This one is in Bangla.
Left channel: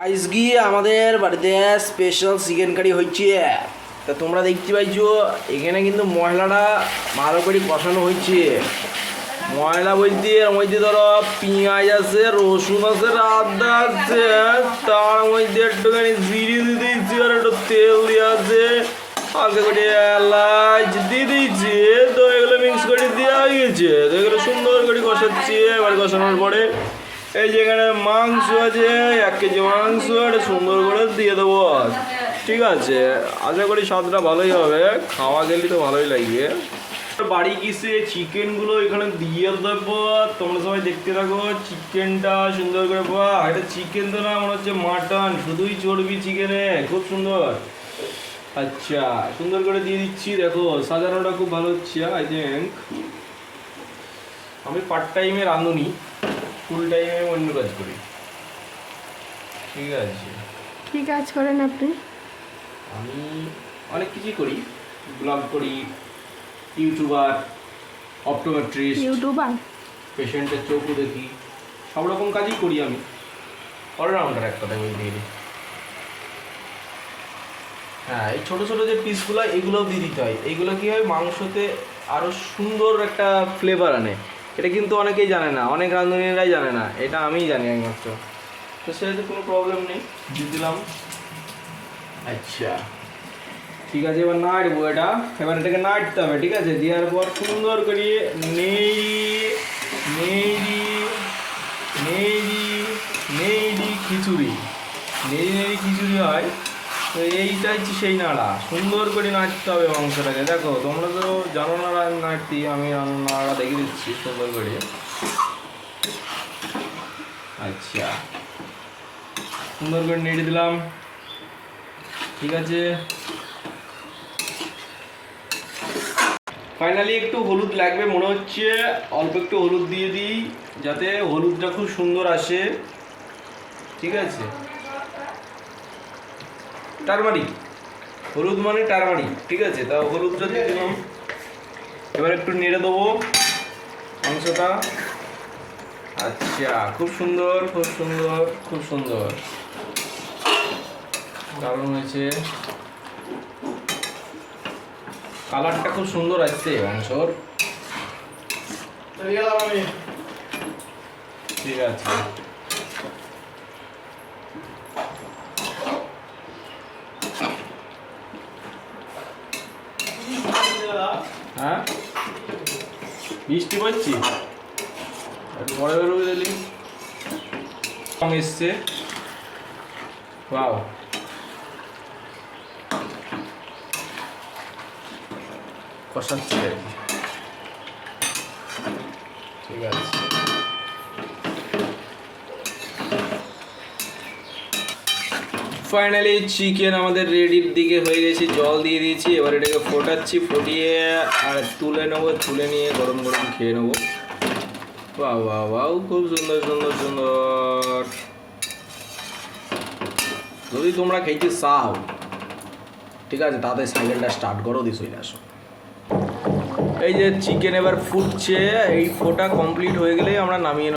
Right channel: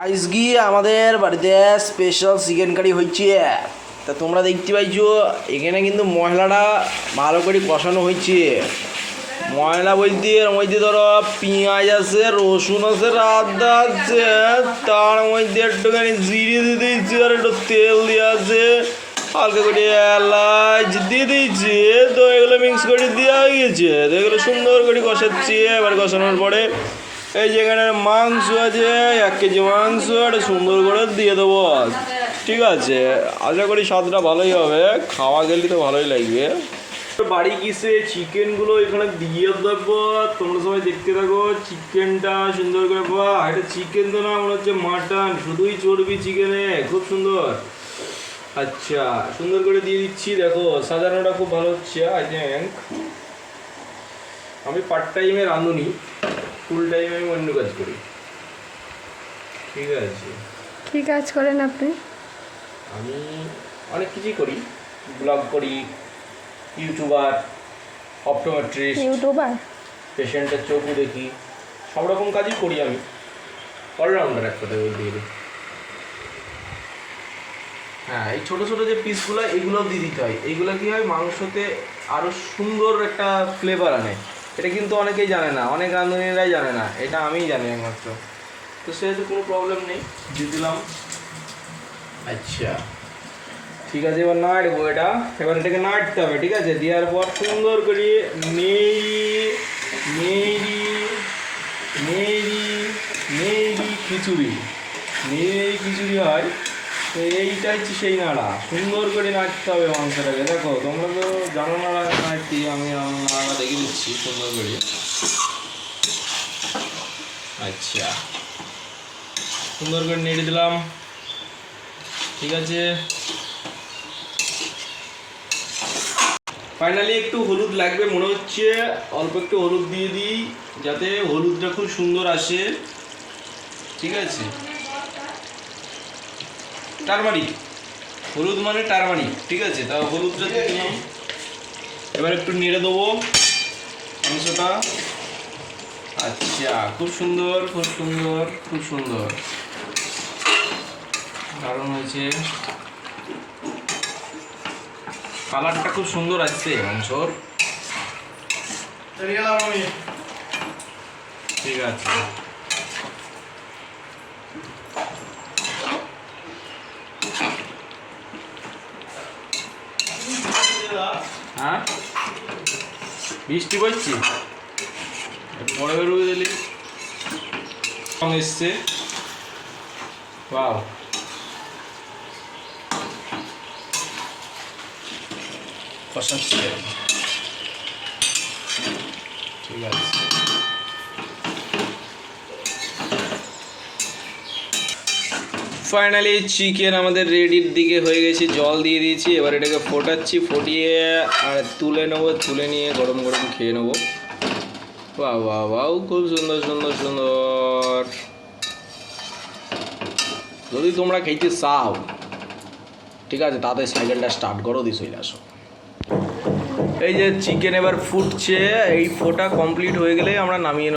আজকে আমাদের বাড়িতে স্পেশাল চিকেন কারি হচ্ছে। তা তোমরা দেখতে পাইছো এখানে কিন্তু মশলাটা ভালো করে কষানো হচ্ছে। মশলা বলতে এর মধ্যে ধরো পেঁয়াজ আছে, রসুন আছে, আদা আছে, তার মধ্যে একটুখানি জিরে দিয়ে দিয়েছি, আর একটু তেল দিয়ে আছে, হালকা করে এলাচ দিয়ে দিয়েছি। তো এগুলো মিক্স করে দেওয়া গিয়েছে। তো এগুলো সুন্দর করে কষাচ্ছি। এবার কষানোর পরে এই যে এখানে মাংস আছে, 1 কেজি মাংস এটা সুন্দর করে দিয়ে দেবো। ঠিক আছে, আশা করি স্বাদটা ভালোই হবে, খাওয়া গেলে তো ভালোই লাগবে। বাড়ি গিয়ে চিকেনগুলো এখানে দিয়ে দেবো। তোমরা সবাই দেখতে থাকো চিকেনটা সুন্দর করে। এটা চিকেন তো না, মনে হচ্ছে মাটন, শুধুই চর্বি চিকেনে, খুব সুন্দর। আচ্ছা, সুন্দর করে দিয়ে দিচ্ছি। দেখো সাজানোটা খুব ভালো হচ্ছে। আই থিঙ্ক আমি পার্ট টাইমে রাঁধুনি, ফুল টাইমে আমি অন্য কাজ করি। ঠিক আছে, কী কাজ করেন আপনি? আমি অনেক কিছুই করি, ব্লগ করি, ইউটিউবার, অপটোমেট্রিস্ট, ইউটিউবার। পেশেন্টের চোখও দেখি, সব রকম কাজই করি আমি। অলরাউন্ডার এক কথায় বলতে গেলে। হ্যাঁ, এই ছোটো ছোটো যে পিসগুলো এগুলো দিয়ে দিতে হয়। এইগুলো কী হয়, মাংসতে আরও সুন্দর একটা ফ্লেভার আনে। এটা কিন্তু অনেকেই জানে না, অনেক রাঁধুনিরাই জানে না, এটা আমিই জানি একমাত্র। তো সেহেতু কোনো প্রবলেম নেই, দিয়ে দিলাম। আচ্ছা ঠিক আছে, এবার নাড়বো এটা। এবার এটাকে নাড়তে হবে। ঠিক আছে, দেওয়ার পর সুন্দর করে নেড়ি খিচুড়ি হয়। এইটা হচ্ছে সেই নাড়া, সুন্দর করে নাড়তে হবে মাংসটাকে। দেখো তোমরা তো জানো না নাড়তে, আমি নাড়া দেখে দিচ্ছি সুন্দর করে। আচ্ছা, সুন্দর করে নেড়ে দিলাম। ঠিক আছে, ফাইনালি একটু হলুদ লাগবে মনে হচ্ছে, অল্প একটু হলুদ দিয়ে দিই যাতে হলুদটা খুব সুন্দর আসে। ঠিক আছে, টারমারিক, হলুদ মানে টারমারিক। ঠিক আছে, তা হলুদটা দিয়ে দিলাম। এবার একটু নেড়ে দেবো মাংসটা। আচ্ছা, খুব সুন্দর খুব সুন্দর খুব সুন্দর, দারুণ হয়েছে। কালারটা খুব সুন্দর আসছে মাংসর। ঠিক আছে, হ্যাঁ বৃষ্টি পড়ছি, পরে বেরোবে দিলি রং এসছে। বাহ, কষাচ্ছি আর কি। ঠিক আছে, ফাইনালি চিকেন আমাদের রেডির দিকে হয়ে গেছে। জল দিয়ে দিয়েছি, এবার এটাকে ফোটাচ্ছি, ফুটিয়ে আর তুলে নেবো। তুলে নিয়ে গরম গরম খেয়ে নেবো। বাহ বাহ বাহ, খুব সুন্দর সুন্দর সুন্দর। যদি তোমরা খেতে চাও, ঠিক আছে, তাদের সাইকেলটা স্টার্ট করো, দিয়ে চলে আসো। এই যে চিকেন এবার ফুটছে, এই ফোটা কমপ্লিট হয়ে গেলেই আমরা নামিয়ে